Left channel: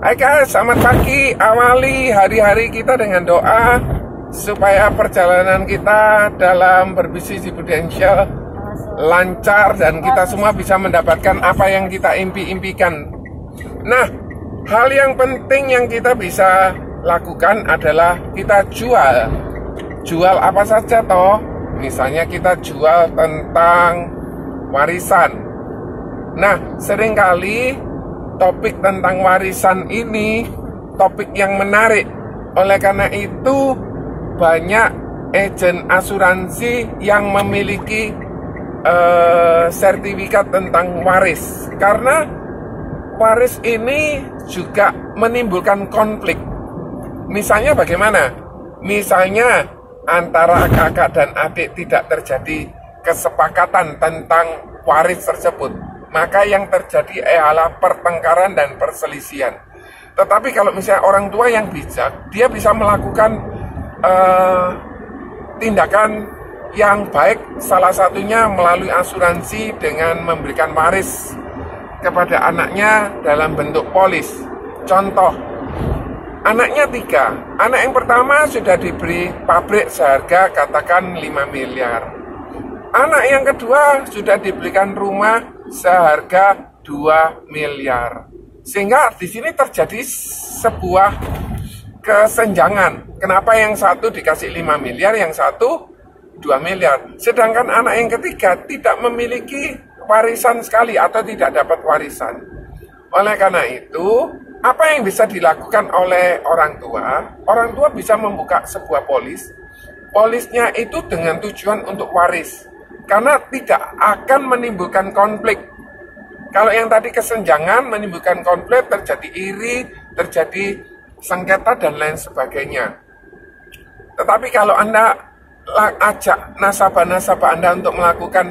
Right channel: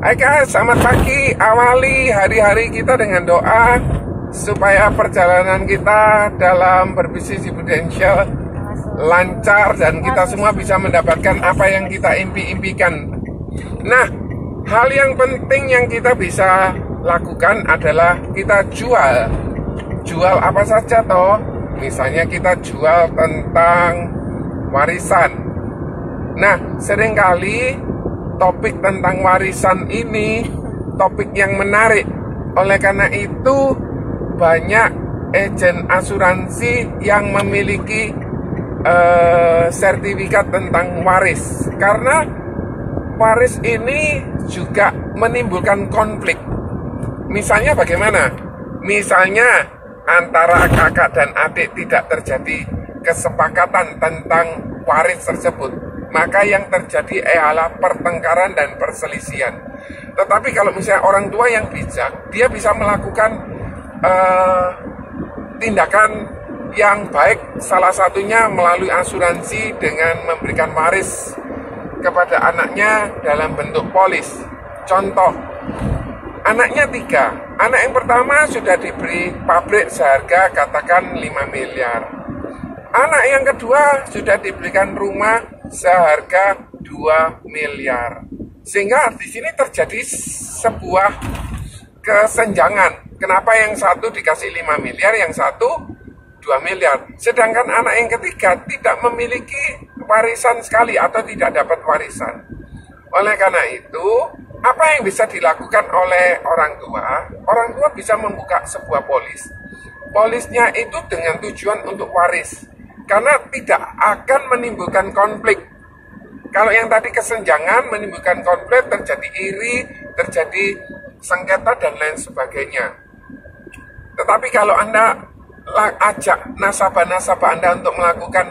Hai guys, selamat pagi. Awali hari-hari kita dengan doa supaya perjalanan kita dalam berbisnis di Prudential lancar dan kita semua bisa mendapatkan apa yang kita impi-impikan. Nah, hal yang penting yang kita bisa lakukan adalah kita jual. Jual apa saja toh? Misalnya kita jual tentang warisan. Nah, seringkali topik tentang warisan ini topik yang menarik. Oleh karena itu banyak agen asuransi yang memiliki sertifikat tentang waris. Karena waris ini juga menimbulkan konflik. Misalnya bagaimana? Misalnya antara kakak dan adik tidak terjadi kesepakatan tentang waris tersebut, maka yang terjadi adalah pertengkaran dan perselisihan. Tetapi kalau misalnya orang tua yang bijak, dia bisa melakukan tindakan yang baik, salah satunya melalui asuransi dengan memberikan waris kepada anaknya dalam bentuk polis. Contoh, anaknya 3. Anak yang pertama sudah diberi pabrik seharga katakan 5 miliar. Anak yang kedua sudah diberikan rumah seharga 2 miliar. Sehingga di sini terjadi sebuah kesenjangan. Kenapa yang satu dikasih 5 miliar, yang satu 2 miliar. Sedangkan anak yang ketiga tidak memiliki warisan sekali atau tidak dapat warisan. Oleh karena itu, apa yang bisa dilakukan oleh orang tua? Orang tua bisa membuka sebuah polis. Polisnya itu dengan tujuan untuk waris. Karena tidak akan menimbulkan konflik. Kalau yang tadi kesenjangan menimbulkan konflik, terjadi iri, terjadi sengketa dan lain sebagainya. Tetapi kalau Anda ajak nasabah-nasabah Anda untuk melakukan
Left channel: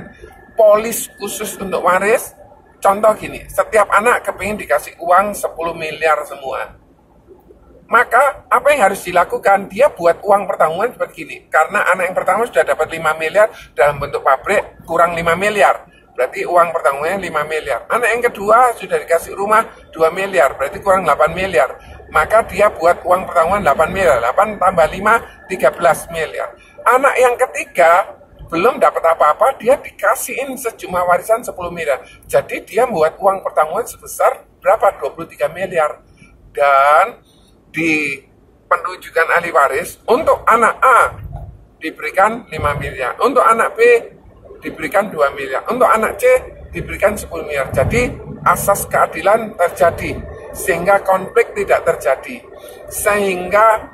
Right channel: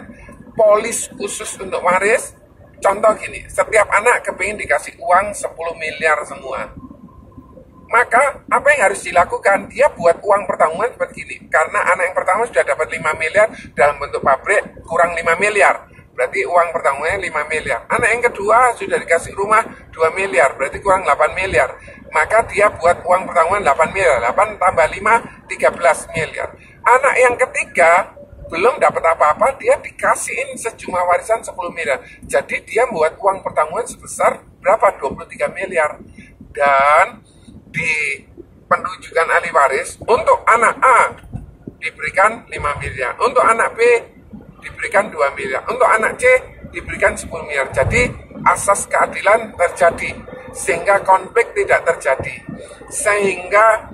polis khusus untuk waris, contoh gini, setiap anak kepingin dikasih uang 10 miliar semua. Maka apa yang harus dilakukan? Dia buat uang pertanggungan seperti ini. Karena anak yang pertama sudah dapat 5 miliar dalam bentuk pabrik, kurang 5 miliar. Berarti uang pertanggungannya 5 miliar. Anak yang kedua sudah dikasih rumah 2 miliar, berarti kurang 8 miliar. Maka dia buat uang pertanggungan 8 miliar. 8 tambah 5, 13 miliar. Anak yang ketiga belum dapat apa-apa, dia dikasihin sejumlah warisan 10 miliar. Jadi dia membuat uang pertanggungan sebesar berapa? 23 miliar. Dan di penunjukan ahli waris, untuk anak A diberikan 5 miliar, untuk anak B diberikan 2 miliar, untuk anak C diberikan 10 miliar. Jadi asas keadilan terjadi, sehingga konflik tidak terjadi, sehingga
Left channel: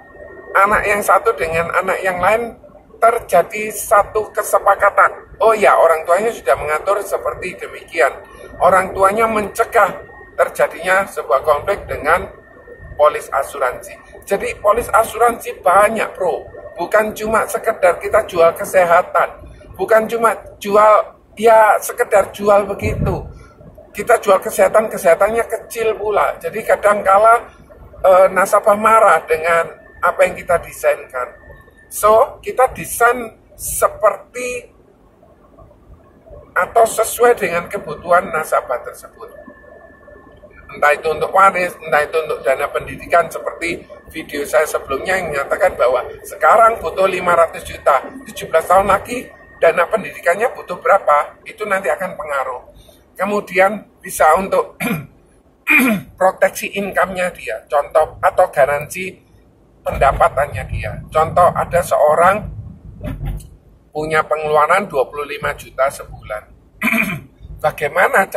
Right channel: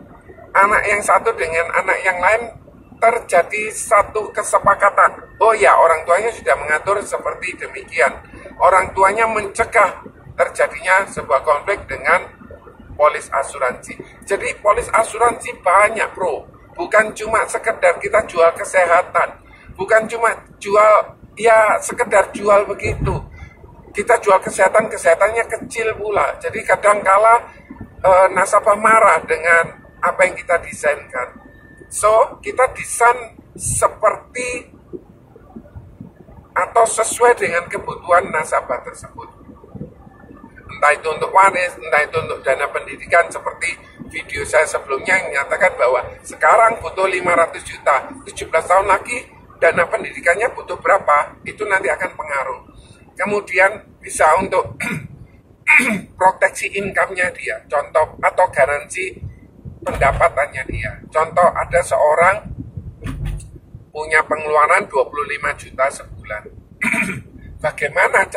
anak yang satu dengan anak yang lain terjadi satu kesepakatan. Oh ya, orang tuanya sudah mengatur seperti demikian. Orang tuanya mencegah terjadinya sebuah konflik dengan polis asuransi. Jadi polis asuransi banyak bro. Bukan cuma sekedar kita jual kesehatan. Bukan cuma jual, ya sekedar jual begitu. Kita jual kesehatan, kesehatannya kecil pula. Jadi kadangkala nasabah marah dengan apa yang kita desainkan. So, kita desain seperti atau sesuai dengan kebutuhan nasabah tersebut. Entah itu untuk waris, entah itu untuk dana pendidikan, seperti video saya sebelumnya yang menyatakan bahwa sekarang butuh 500 juta, 17 tahun lagi dana pendidikannya butuh berapa, itu nanti akan pengaruh. Kemudian bisa untuk proteksi income-nya dia, contoh, atau garansi pendapatannya dia. Contoh, ada seorang punya pengeluaran 25 juta sebulan. Bagaimana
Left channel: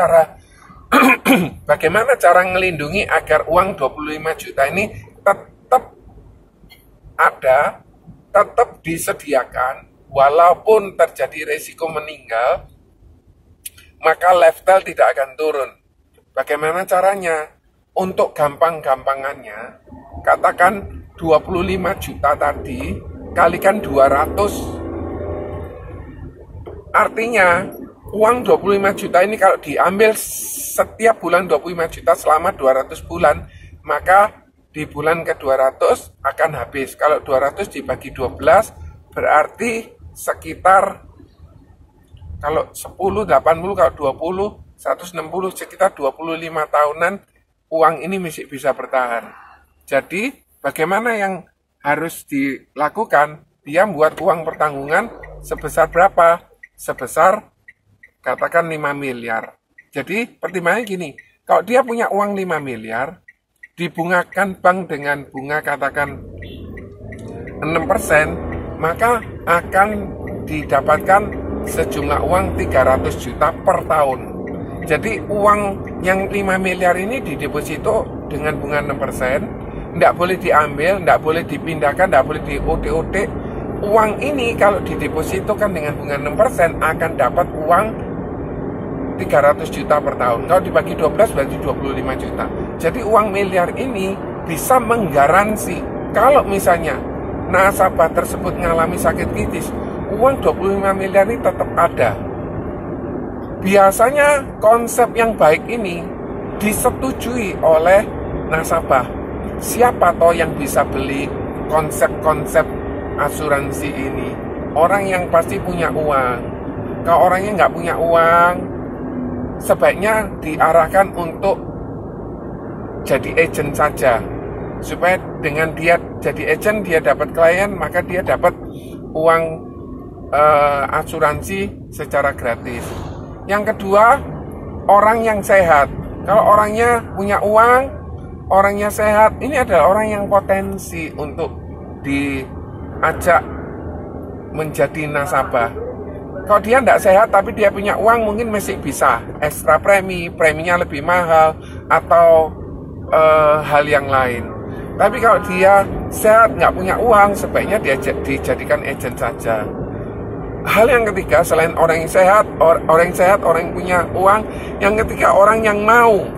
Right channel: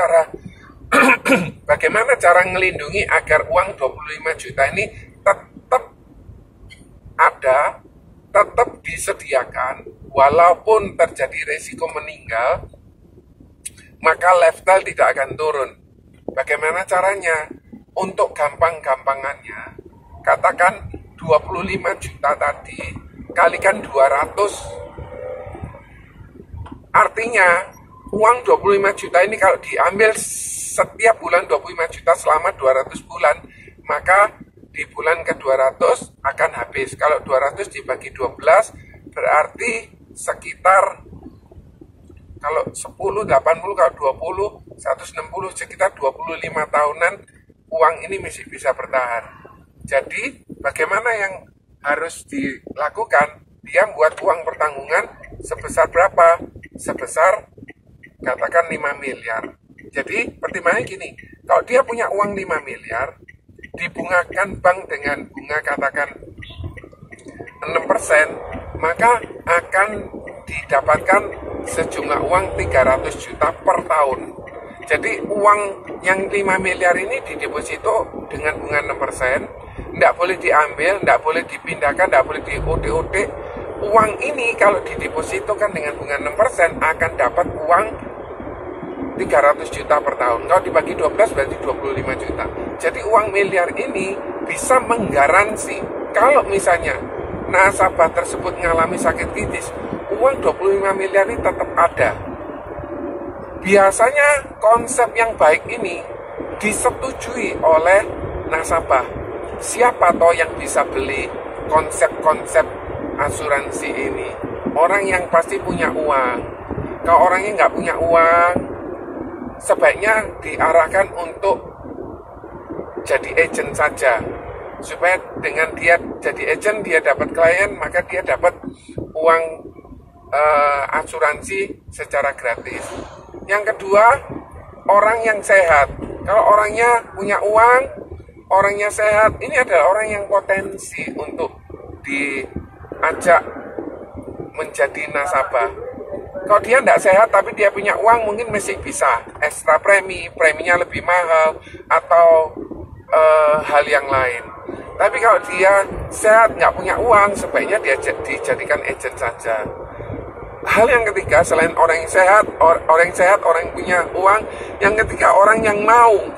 cara melindungi agar uang 25 juta ini tetap ada, tetap disediakan, walaupun terjadi resiko meninggal, maka lifestyle tidak akan turun. Bagaimana caranya? Untuk gampang-gampangannya, katakan 25 juta tadi kalikan 200. Artinya, uang 25 juta ini kalau diambil setiap bulan 25 juta selama 200 bulan, maka di bulan ke-200 akan habis. Kalau 200 dibagi 12 berarti sekitar, kalau 10, 80, kalau 20, 160, sekitar 25 tahunan uang ini masih bisa bertahan. Jadi bagaimana yang harus dilakukan? Dia buat uang pertanggungan sebesar berapa? Sebesar katakan 5 miliar. Jadi pertimbangannya gini, kalau dia punya uang 5 miliar, dibungakan bank dengan bunga katakan 6%, maka akan didapatkan sejumlah uang 300 juta per tahun. Jadi uang yang 5 miliar ini dideposito dengan bunga 6%, tidak boleh diambil, tidak boleh dipindahkan, tidak boleh di OD-OD. Uang ini kalau didepositokan dengan bunga 6% akan dapat uang 300 juta per tahun. Kalau dibagi 12 berarti 25 juta. Jadi uang miliar ini bisa menggaransi kalau misalnya nasabah tersebut mengalami sakit kritis, uang 25 miliar ini tetap ada. Biasanya konsep yang baik ini disetujui oleh nasabah. Siapa toh yang bisa beli konsep-konsep asuransi ini? Orang yang pasti punya uang. Kalau orangnya nggak punya uang, sebaiknya diarahkan untuk jadi agent saja, supaya dengan dia jadi agent, dia dapat klien, maka dia dapat uang asuransi secara gratis. Yang kedua, orang yang sehat. Kalau orangnya punya uang, orangnya sehat, ini adalah orang yang potensi untuk diajak menjadi nasabah. Kalau dia tidak sehat tapi dia punya uang, mungkin masih bisa ekstra preminya lebih mahal atau hal yang lain. Tapi kalau dia sehat nggak punya uang, sebaiknya dia dijadikan agent saja. Hal yang ketiga, selain orang yang sehat, orang yang punya uang, yang ketiga orang yang mau.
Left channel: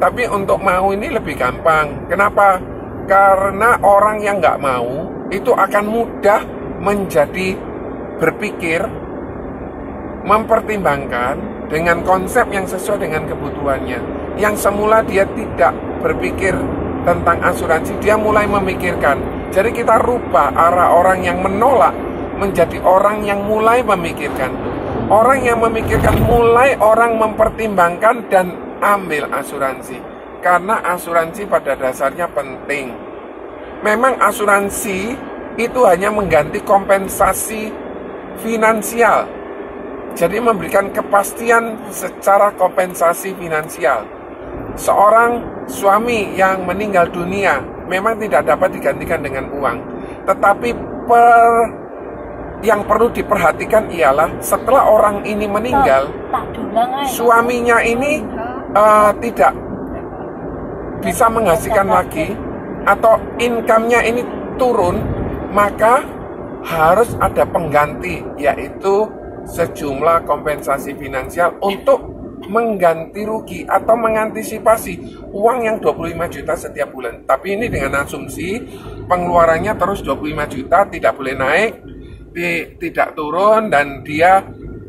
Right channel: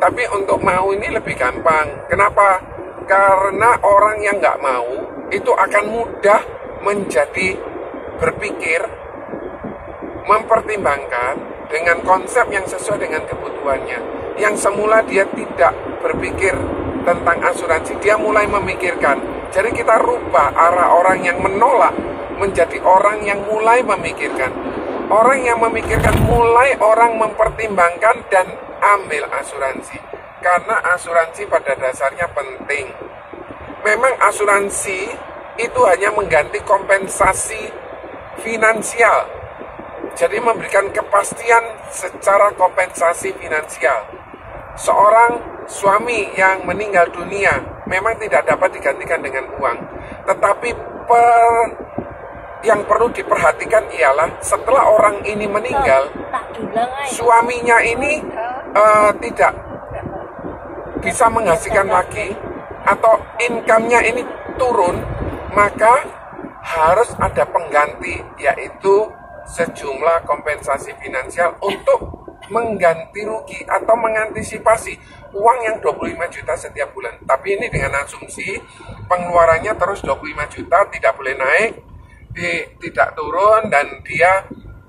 Tapi untuk mau ini lebih gampang. Kenapa? Karena orang yang nggak mau itu akan mudah menjadi berpikir, mempertimbangkan dengan konsep yang sesuai dengan kebutuhannya. Yang semula dia tidak berpikir tentang asuransi, dia mulai memikirkan. Jadi kita rubah arah orang yang menolak menjadi orang yang mulai memikirkan. Orang yang memikirkan mulai orang mempertimbangkan dan ambil asuransi. Karena asuransi pada dasarnya penting. Memang asuransi itu hanya mengganti kompensasi finansial. Jadi memberikan kepastian secara kompensasi finansial. Seorang suami yang meninggal dunia memang tidak dapat digantikan dengan uang. Tetapi yang perlu diperhatikan ialah setelah orang ini meninggal, suaminya ini tidak bisa menghasilkan lagi atau income-nya ini turun, maka harus ada pengganti, yaitu sejumlah kompensasi finansial untuk mengganti rugi atau mengantisipasi uang yang 25 juta setiap bulan. Tapi ini dengan asumsi pengeluarannya terus 25 juta, tidak boleh naik, tidak turun, dan dia